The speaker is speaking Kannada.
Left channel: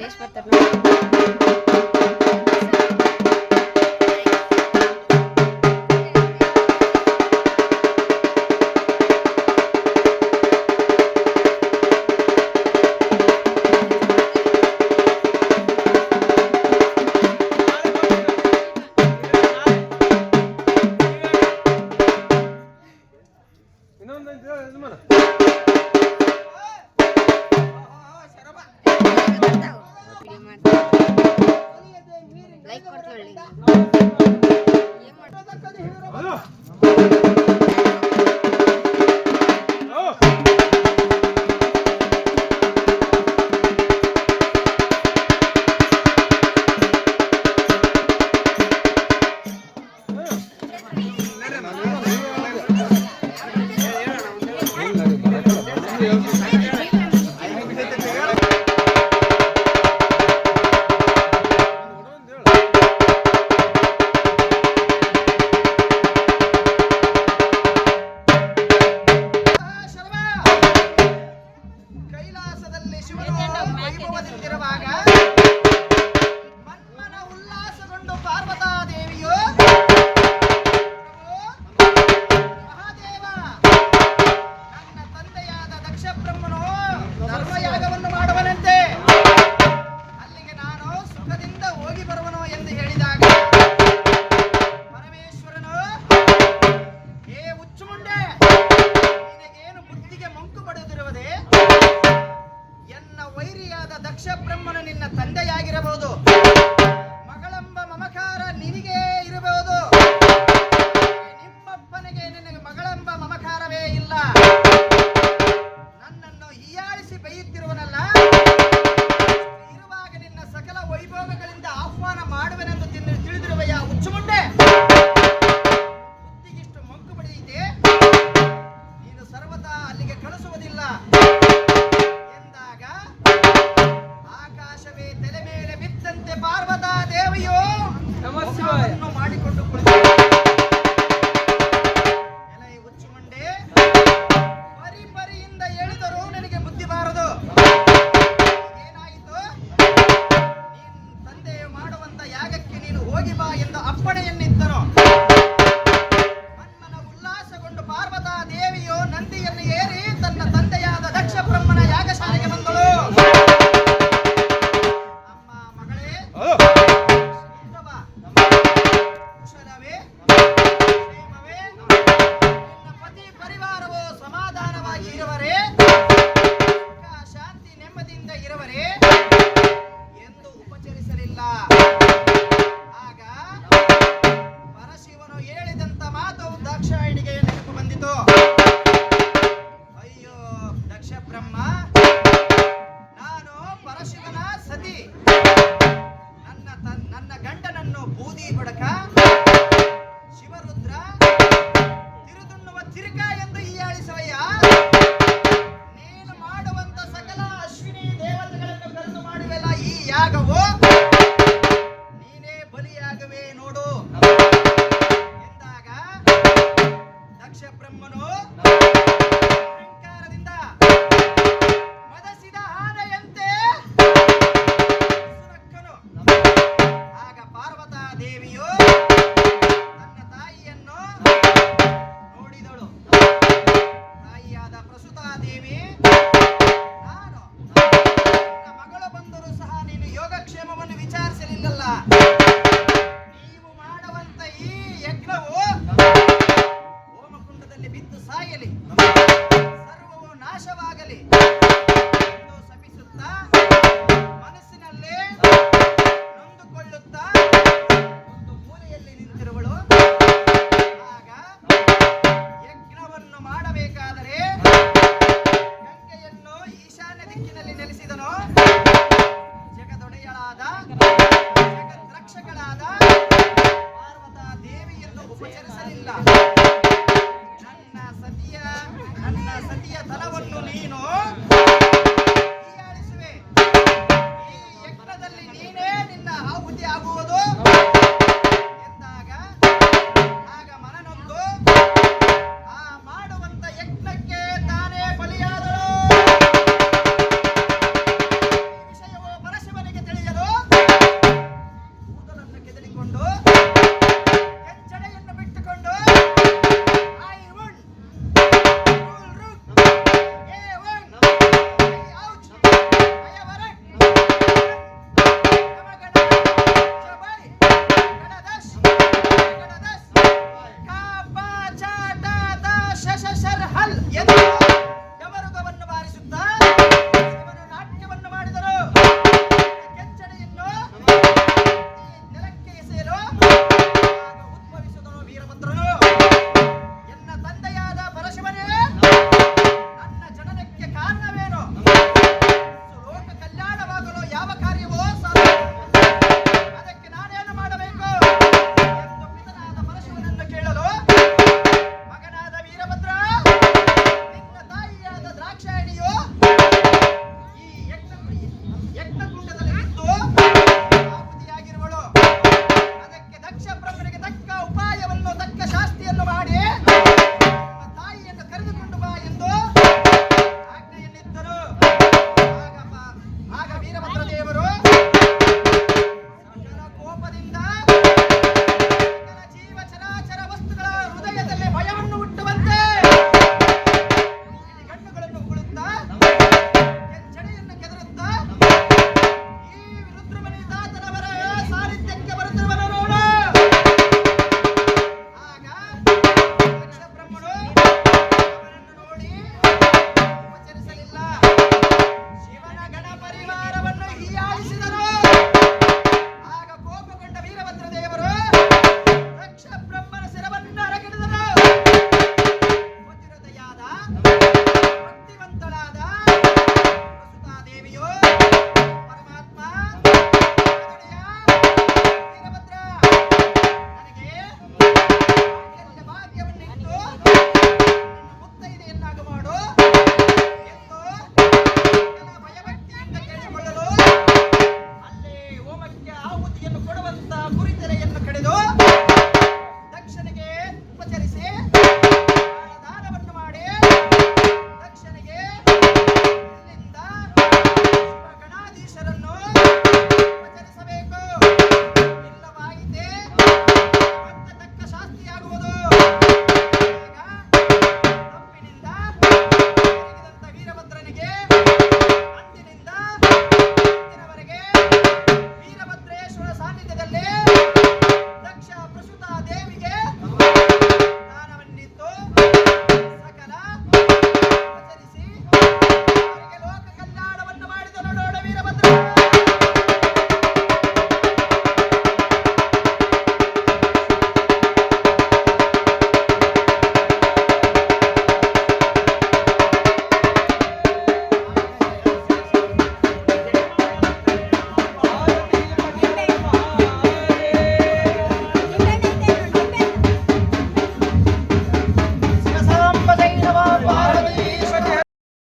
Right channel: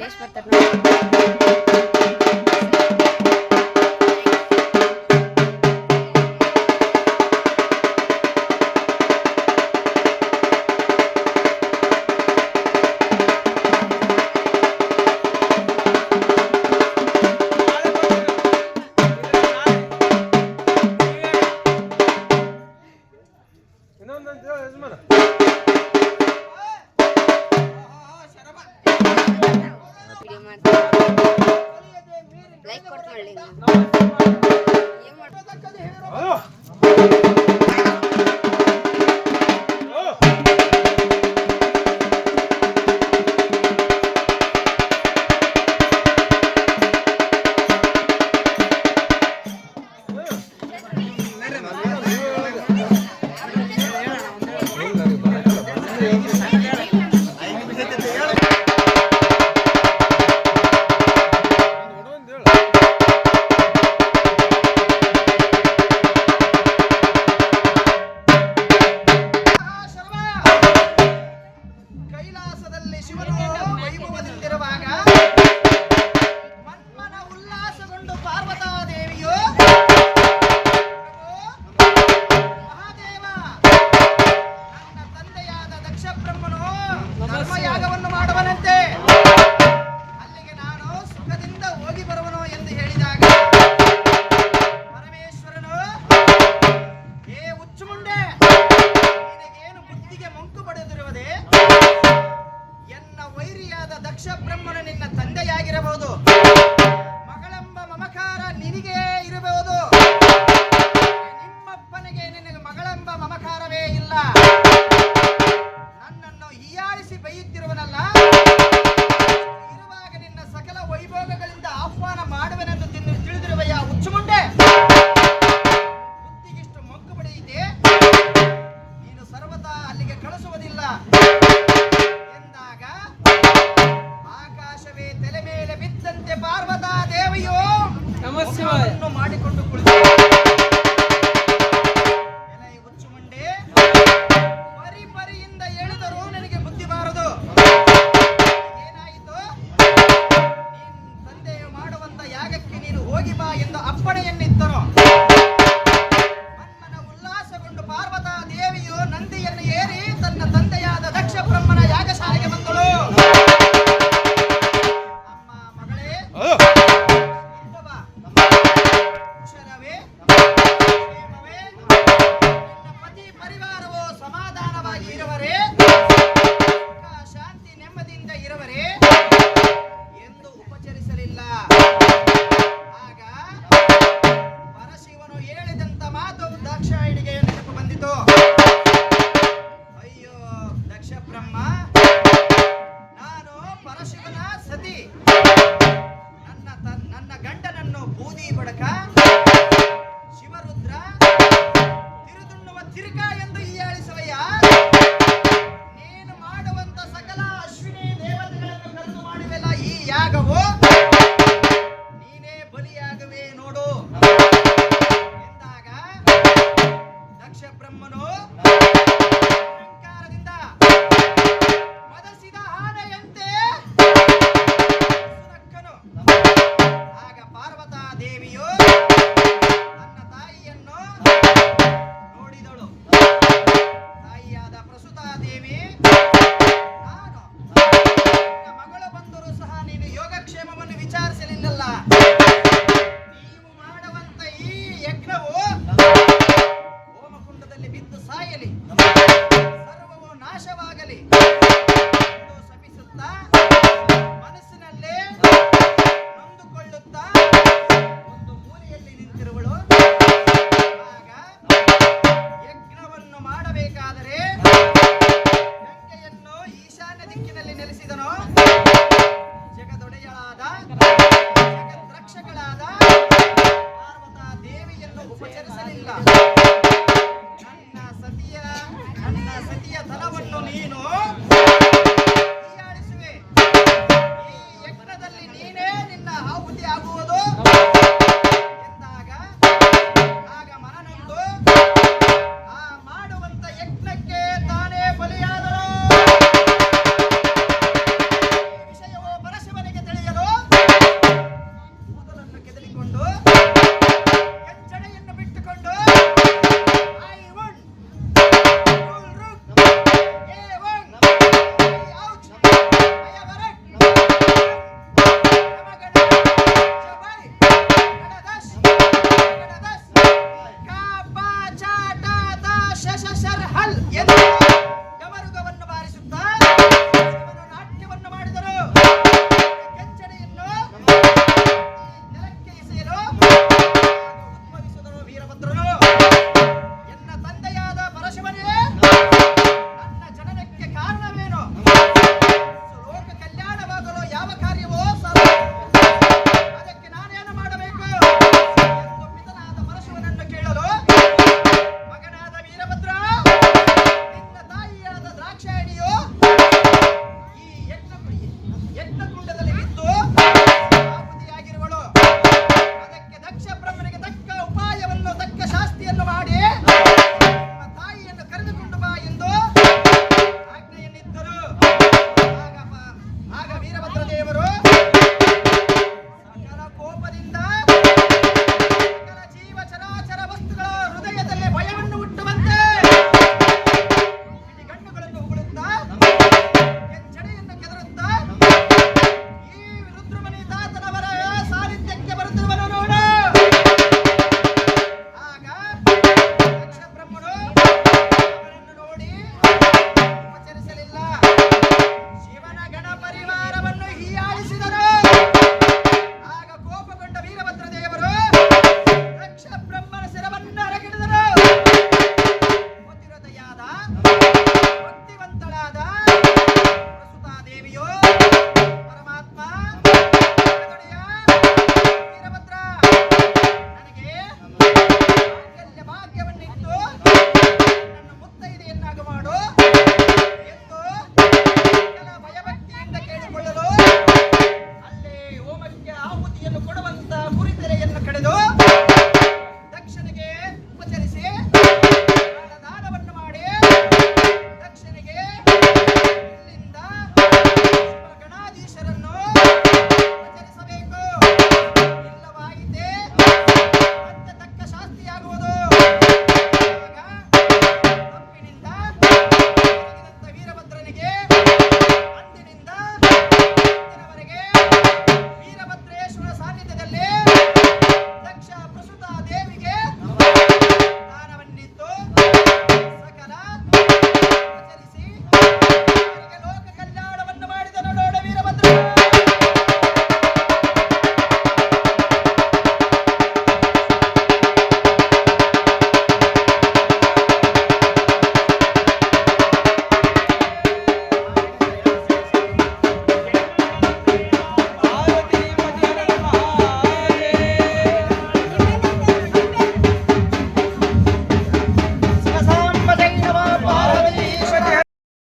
ದೇಶ ಬರ್ತಾರೆ ಲೈಕ್ ಕೊಡ್ತೀವಿ. ದಕ್ಷ ಬ್ರಹ್ಮನು ನಿನ್ನ ತಂದೆಯಾಗಿರಬಹುದು, ಮಗಳೆಂಬ ಮಮಕಾರ ನಿನಗೆ ಇರಬಹುದು. ನಿಮ್ಮಪ್ಪನಿಗೆ ನಿನಗೆ ಮಗಳೆಂಬ ಮಮಕಾರವೇ ಇಲ್ಲ. ನನ್ನನ್ನು ಹೀಯಾಳಿಸಿ ಬೈಯುತ್ತಿರುವನಲ್ಲ, ಇರುವಾಗ ನಿನ್ನ ಸಕಲ ವೈಭೋಗಗಳಿಂದ ಆಹ್ವಾನ ಮಾಡುವೆನೆಂದು ತಿಳಿದಿರುವೆಯ ಹುಚ್ಚುಮುಂಡೆ. ಬುದ್ಧಿಗಿಷ್ಟು ಮಂಕು ಬಡಿಯಿದೆ, ನೀನು ಸರ್ವತಾ ಅಲ್ಲಿಗೆ ಕಳಿಸುವುದಿಲ್ಲ ಎಂದಾಗ ಆಕಾಶವೇ ತಲೆ ಮೇಲೆ ಬಿದ್ದಂತೆ ಪಾರ್ವತಾ ದೇವಿಯು ನಮಸ್ಕಾರವನ್ನು ಮಾಡಿಕೊಂಡು ಕುಳಿತು, ಎಲೈ ಹುಚ್ಚುಮಂಡೆ, ಪರಿ ಪರಿಯಿಂದ ಹೇಳಿದರೂ ನನಗೆ ಬುದ್ಧಿ ಬಾರದು. ಏನಾಯಿತು? ನೀನ್ ತಂದೆಯು ಮಾಡುವಂತ ಯಾಗಕ್ಕೆ ನೀನು ಹೋಗಿ ಬಾ ಎಂದು ಅಪ್ಪಣೆಯನ್ನಿತ್ತರು. ಮನ್ಮನ ಉಲ್ಲಾಸಗೊಂಡು ಪಾರ್ವತಾ ದೇವಿಯು ನಂದಿಯನ್ನು ಏರಿ ತನ್ನ ತಂದೆಯಾದ ದಕ್ಷ ಬ್ರಹ್ಮನ ಯಾಗಶಾಲೆಗೆ ಬಂದಳು. ಶಾಂತಿ ನೆಮ್ಮದಿಯಿಂದ ಇರುವರೇ ಎಂದು ಉಪಚರಿಸಲಿಲ್ಲ. ಆಗ ಪರಶಿವನು ಹೇಳಿದಂತ ಮಾತು ದಾಕ್ಷಾಯಿಣಿಗೆ ನೆನಪು ಬಂದಿತು. ಅಯ್ಯೋ ದಕ್ಷ ಬ್ರಹ್ಮ, ನಾನು ಪರಶಿವನ ಸತಿ. ನನ್ನ ಗಂಡನನ್ನು ಬೂದಿ ಬಡಕ, ಶಿವರುದ್ರ, ತಿರುದುಣ್ಣುವ ತಿರುಕ ಎಂದು ಹೀಯಾಳಿಸುವಯ್ಯ. ನೀನು ಮಾಡುವಂತ ಸಕಲ ಅಶ್ವಿನಿ ದೇವತೆಗಳನ್ನು ಕರೆದು ಮಾಡುವೆಲ್ಲ ಈ ಯಾಗವು ನೀನೇ ಬಲಿಯಾಗವೇ ನೋಡು. ಬ್ರಹ್ಮನು ಅಹಂಕಾರದಿಂದ ಮದಸಿದ ಆನೆಯಂತೆ ಸುನಕ್ಕನು. ಆಗ ಪಾರ್ವತಾ ದೇವಿಯು ತನ್ನ ತಾಯಿಯನ್ನು ನೋಡಿದಳು. ತಾಯಿಯಾದ ಪ್ರಸುತಾ ದೇವಿ, ನಾನು ನನ್ನ ಮಗಳು ಬಂದರೂ ಸಹ ನೀನು ಯೋಗಕ್ಷೇಮವನ್ನು ವಿಚಾರಿಸಲಿಲ್ಲಲ್ಲ. ನೀವು ಮಾಡುವಂತ ಈ ಯಜ್ಞವು ಹೋಮಕುಂಡದಲ್ಲಿ ಬಿದ್ದು ಸಾಯಲಿ, ಸರ್ವವು ನಾಶವಾಗಲಿ ಎಂದು ಶಪಿಸುತ್ತಾ ಮನಸ್ಸಿನಲ್ಲೇ ನೊಂದುಕೊಳ್ಳುತ್ತಾ ಒಂದು ಮೂಲೆಯಲ್ಲಿ ನಿಂತಿರುವಳು. ಆಗ ಯಜ್ಞವನ್ನು ಮಾಡಬೇಕಾದರೆ ಗಂಗೆಯನ್ನು ಈಶಾನ್ಯ ದಿಕ್ಕಿನಲ್ಲಿ ನೆಲೆಸಿದನು. ಜಗದೊಡೆಯಳಾದ ಜಗದ್ರಕ್ಷಕಳಾದ ಪಾರ್ವತಾ ದೇವಿಯನ್ನು ಉಪಚರಿಸಲಿಲ್ಲ. ನನ್ನ ಸತಿಯ ಧನವನ್ನು ನೀನು ಹೀಯಾಳಿಸುವೆ. ಈ ಯಜ್ಞದಲ್ಲಿ ನೀನೇ ನಿನ್ನ ಆಹುತಿ ಆಗುವುದು ಎಂದಾಗ ಆಗ ಮನನೊಂದು ಆ ಮಾಡುವಂತ ಯಜ್ಞಕ್ಕೆ ತಾನೇ ಬಲಿಯಾದಳು. ಈ ವಿಷಯವು ಪರಶಿವನಿಗೆ ತಿಳಿಯಲು ಕೂದಲನ್ನು ಕೆದರಿಕೊಂಡು ಕೆಂಚಡೆಯನ್ನು ಬಿಟ್ಟುಕೊಂಡು ಹಲ್ ಎಂದು